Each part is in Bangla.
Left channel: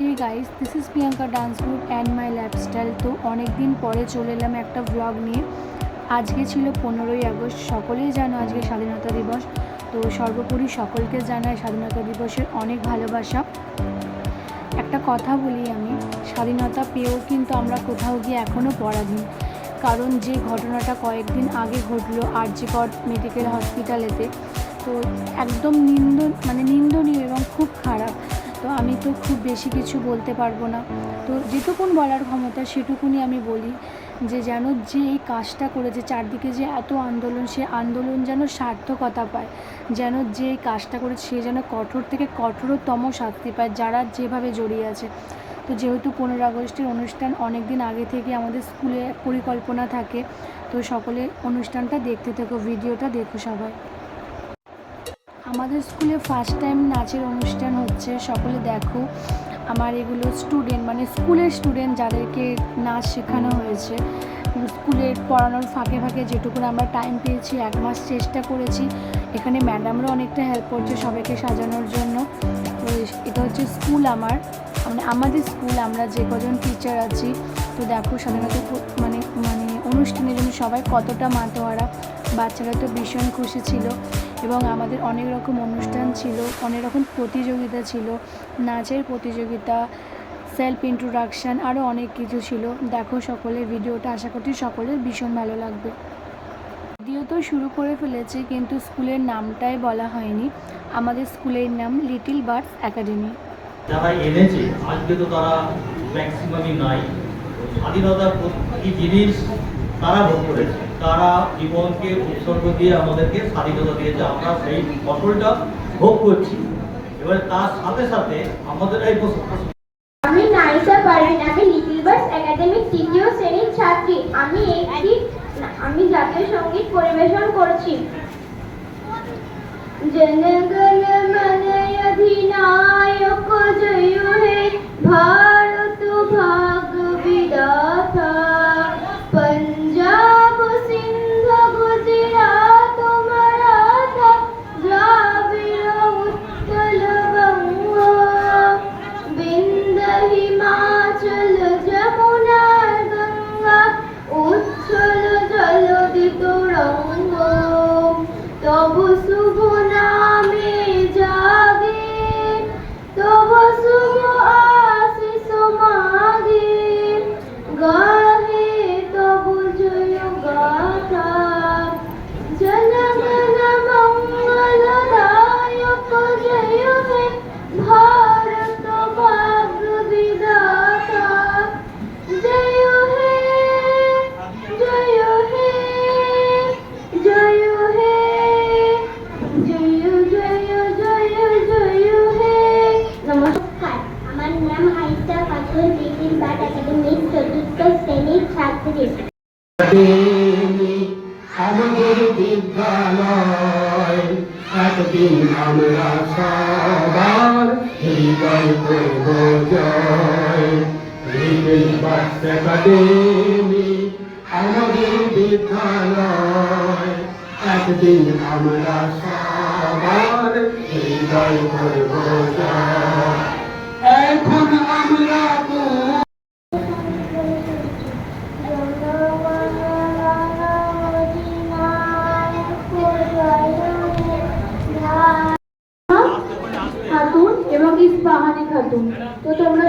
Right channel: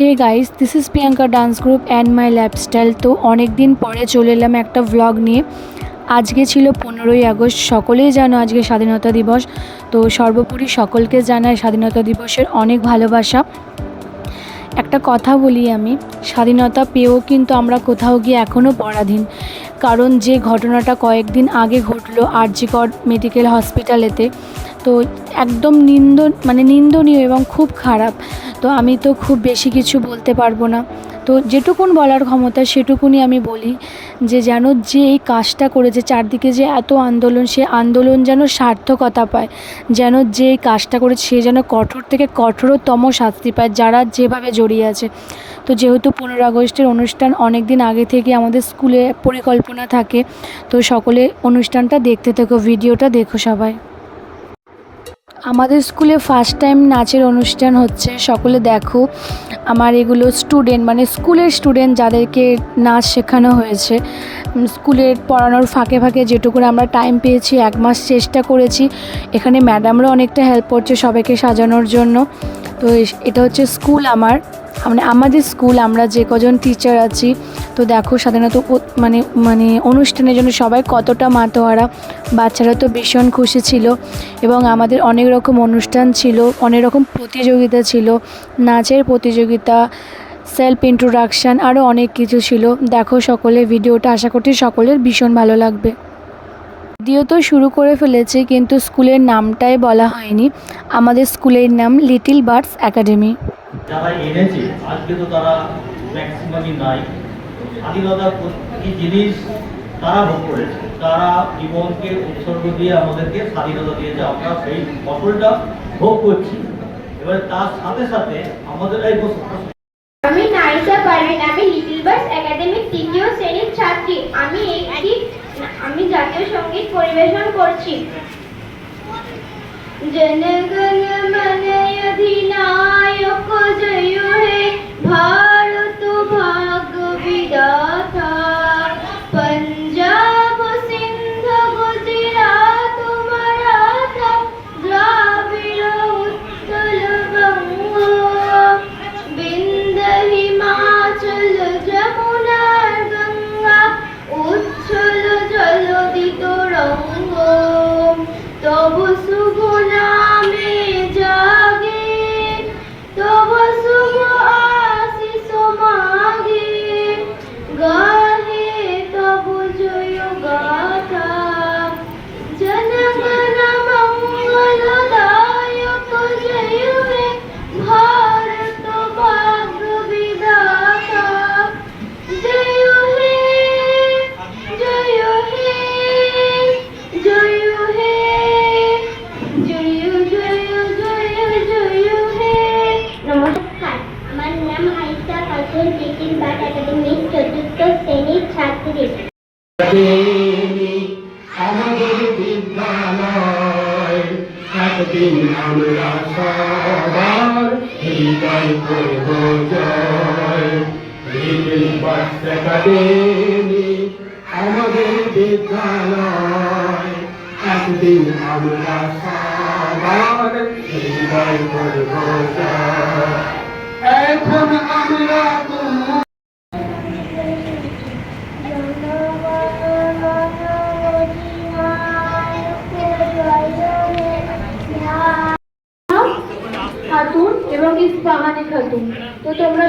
Hey guys, this is Priyanka dance group and my lifestyle. তো অনেক দিন পরে চলে এলাম একটা ভ্লগ নিয়ে। আজকে ছিল 15ই আগস্ট। সকলেই জানো আজকে স্বাধীনতা দিবস। তো সর্বোপরি সকলকে জানাই স্বাধীনতা দিবসের অনেক ভালোবাসা। একটা কথা বলি, আমি স্বাধীনতা পেয়েও কিন্তু আমরা কোথাও গিয়ে এখনও পরাধীন। কারণ যে ঘটনাটা কয়েকদিন আগে ঘটলো আরজি কর মেডিকেল হসপিটালেতে, তো একদম নিন্দনীয় এবং খুব খারাপ। তো আমি তো খুব বেশি কিছু বলতে পারবো না, তো যেটুকুন বলার ক্ষমতা সেটুকুনি আমি বলি যে যেন যে এই কাজটা করেছে, চারদিকে যে এত আন্দোলন, সে আন্দোলন যেন সার্থকতা পায়, যেন যে এই কাজটা করেছে সে যেন কঠোর থেকে কঠোরতম শাস্তি পায় যারা যেভাবে জড়িয়ে আছে। তো যেহেতু 15 আগস্টের অনুষ্ঠান অনেক দিন আগে থেকে আমাদের স্কুলে পরিকল্পনা থাকে, তো সকলে অনুষ্ঠানটা দেখতে থেকো, ভিডিওটা দেখো সবাই। আমাদের স্কুলে ফার্স্ট টাইম নাচের অনুষ্ঠান হচ্ছে, সকলে দেখো। আমার এগুলো স্টুডেন্ট, স্কুলের স্টুডেন্ট যাদেরকে নাচ শেখানো হয়েছে। স্কুলের পড়ানোর ফাঁকে ফাঁকে যেটুকু আমরা টাইম পেয়েছি, 1 মাস চেষ্টা করেছি। এখানে ম্যাডামরা অনেকটা হেল্প করছে সবাইকে সাজানোর জন্য। তো এটা হচ্ছে স্কুল আমাদের স্কুল, আমরা যে কজন টিচার আছি। তো দেখো স্বাধীনতা অনুষ্ঠানের জন্য সবাই কতটা মাতোয়ারা। বাচ্চারা তো ভীষণ খুশি ছিল এবং আমাদের অনেক রকম অনুষ্ঠান ছিল, অনেক রকম প্রতিযোগিতা ছিল, নাচের প্রতিযোগিতা, সেলফ ইন্ট্রোডাকশান, আরও অনেক কিছু ছিল। দেখো সকলে ভিডিওটা, আশা করছি সকলের ভীষণ ভালো লাগবে। ভিডিও তো শুরু করে ফেলেছে কিন্তু স্কুলের নামটাই বলা হয়নি। আমাদের স্কুলের নাম লিটল বার্ডস একাডেমি। যারা এনেছে আজকে তো তারা ম্যাক্সিমামই নাই। স্বাধীনতার প্রতি জিনিস তারা ভোগ করেছে, তারা জীবনকে উৎসর্গ দিয়ে আমাদেরকে স্বাধীনতা দিয়েছে, আমরা সেই ফসলটা ভোগ করছি। এবার তার সাথে সাথে আমাদের এই আমি নাইসা পারভিন, আমি লিটল বার্ডস একাডেমির 3য় শ্রেণীর ছাত্রী। আমি জাতীয় সঙ্গীত পরিবেশন করছি। জনগণ মন অধিনায়ক জয় হে ভারত ভাগ্য বিধাতা, पंजाब सिंध गुजरात मराठा द्राविड़ उत्कल बंग, विंध्य हिमाचल जमुना गंगा उच्छल जलधि तरंग, तब शुभ नामे जागे, तब शुभ आशीष मागे, गाहे तब जय गाथा, जनगण मंगलदायक जय हे भारत भाग्य विधाता, जय हे जय हे जय हे जय जय जय जय हे। नमस्कार, আমার নাম আয়েশা খাতুন, লিটল বার্ড একাডেমির 4th শ্রেণীর ছাত্রী। আমাদের বিদ্যালয় একদিন আমরা সবার হৃদয় করব জয়। লিটল বার্ডস একাডেমি আমাদের বিদ্যালয়, একদিন আমরা সবার হৃদয় করব জয়। এখন আমরা খাতুন এবং ইসফাহানি খাতুন। তো তোমরা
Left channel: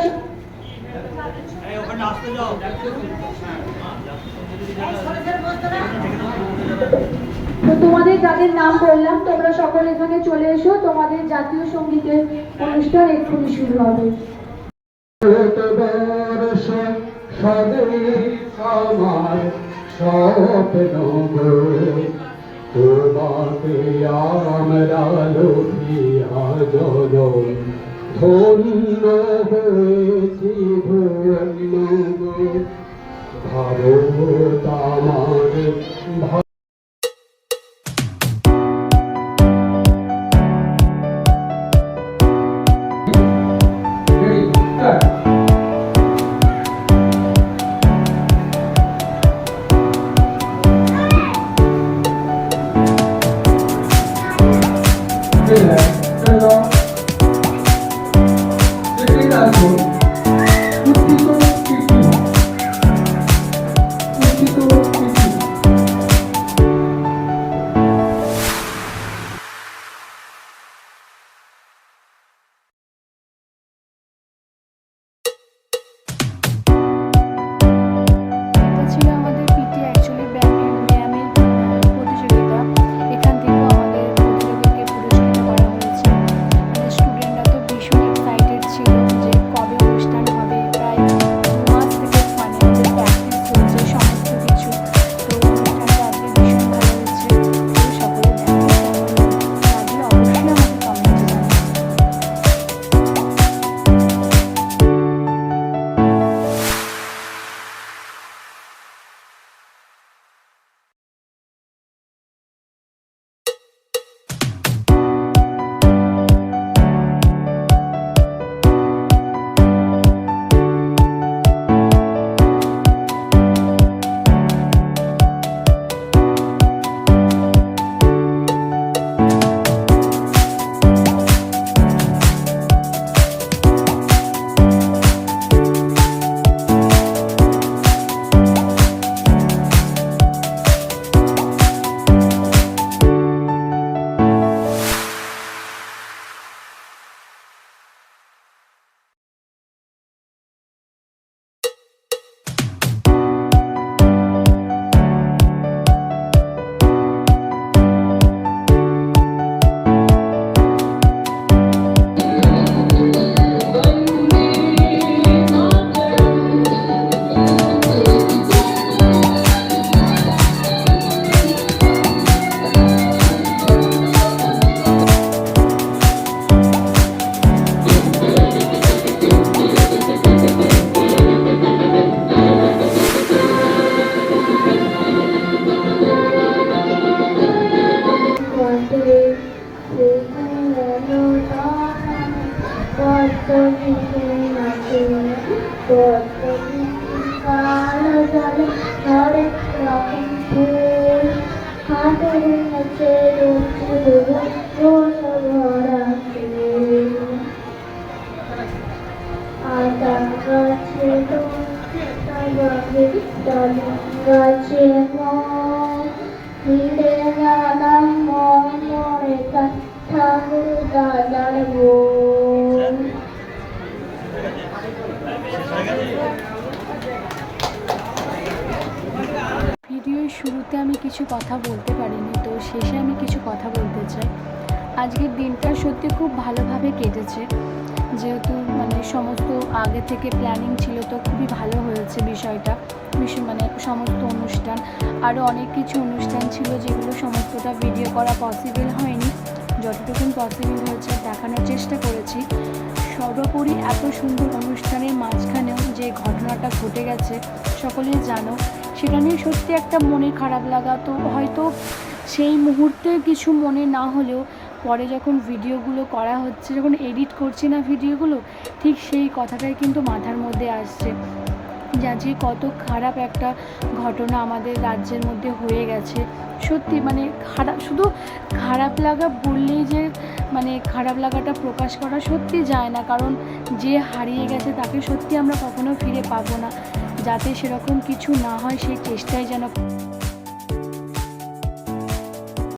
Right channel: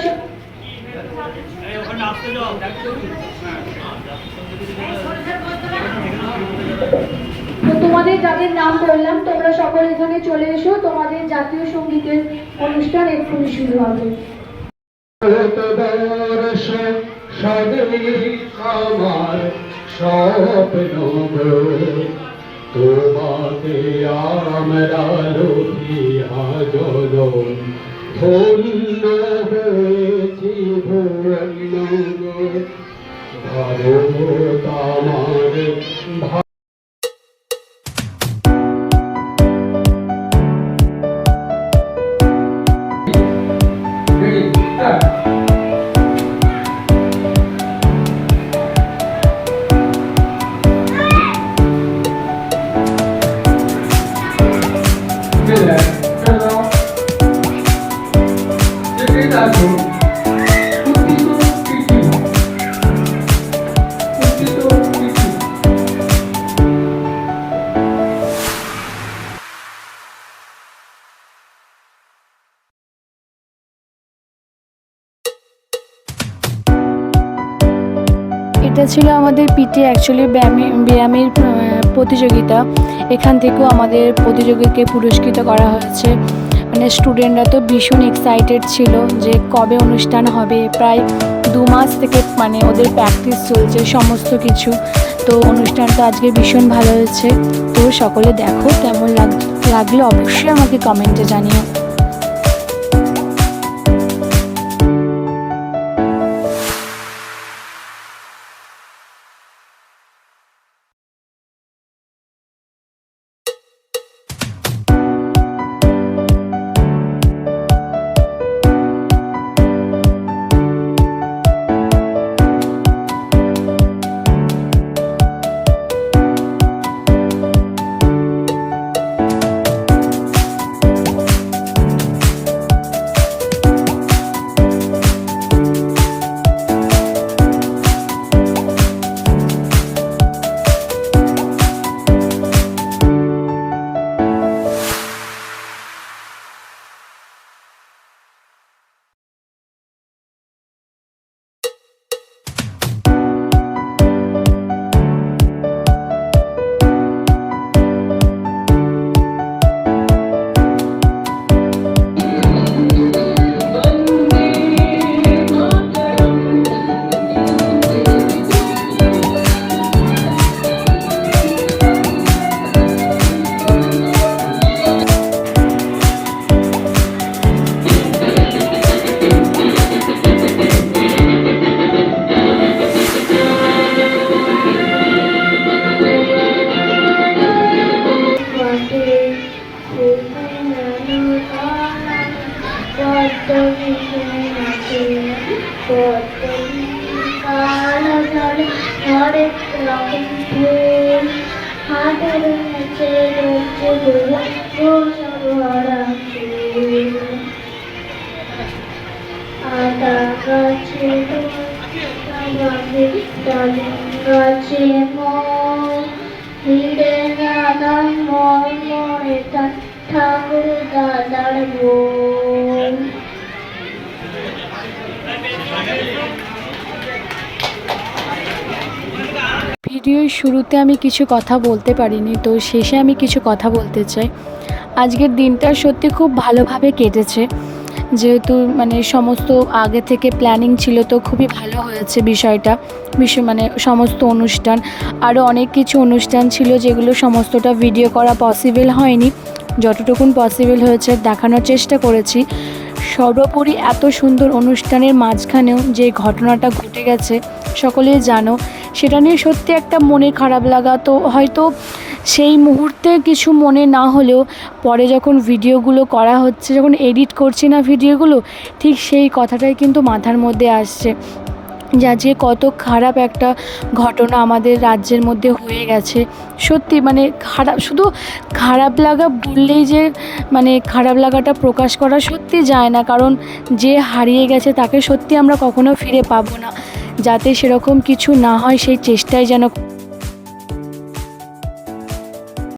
তোমাদের যাদের নাম বললাম তোমরা সকলে এখানে চলে এসো, তোমাদের জাতীয় সঙ্গীতের অনুষ্ঠান এক্ষুনি শুরু হবে। ভারতবর্ষ স্বাধীন আমার স্বপ্ন গো, তোমাকে আমরা লোভিয়া জনম, ধন্য হয়েছি ধন্য গো। ভারত আমার Hello. উচিত তিথি উচিত তিথি এটা ছিল আমাদের পিটি অ্যাকচুয়ালি ব্যায়ামের প্রতিযোগিতা। এখান থেকেও আমাদের প্রতিযোগীকে পুরস্কৃত করা হয়েছে। মানে স্টুডেন্টরা তো ভীষণ এক্সাইটেড ছিল যে কবে অনুষ্ঠান হবে। প্রায় 2 মাস থেকে মানে ওদের প্র্যাকটিস চলছে সমস্ত কিছু। তো অনুষ্ঠানটা আজকে ভীষণ ভালো হয়েছে। তো সকলে দেখো কেমন লাগলো অবশ্যই আমাকে কমেন্টে জানিও। ঠাকুর দাদার বউ। ভিডিওর শুরুতে আমি কিছু কথা বলতে পারিনি, তো শেষে আমি কিছু কথা বলতে চাই। আজকের দিনটা সত্যি খুব ভালোভাবে কেটেছে, যেহেতু মানে সমস্ত আগে থেকে প্ল্যানিং ছিল, তো খুবই ভালো হয়েছে বিষয়টা। মানে সমস্ত অনুষ্ঠান, আরও অনেক কিছু অনুষ্ঠান ছিল যেগুলো সমস্তটা ভিডিও করা পসিবল হয়নি। যতটুকুন পসিবল হয়েছে দেখানোর চেষ্টা করেছি। সর্বোপরি এত সুন্দর অনুষ্ঠানের মাঝখানেও যে ঘটনাটা ঘটে গেছে সকলেই জানো, সেটা নিয়ে সত্যি একটা মনে খারাপ লাগা। তো হয়তো সেই মুহূর্তে কিছু মনে না হলেও পরে যখন ভিডিওগুলো করা হচ্ছে, যখন এডিট করছি না ভিডিওগুলো, ঠিক সেই কথাটাই কিন্তু মাথার মধ্যে আসছে যে কত খারাপ একটা ঘটনা আমাদের রাজ্যের মধ্যে হয়ে গেছে। সত্যি মানে খারাপ, শুধু খারাপ লাগা বললেই যে মানে খারাপ লাগাটা প্রকাশ করা সত্যি যায় না, কারণ যে হারিয়ে গেছে তাকে সত্যি আমরা কখনো ফিরে পাবো না। যাতে সেরকম কিছু না হয় সেই চেষ্টাই যেন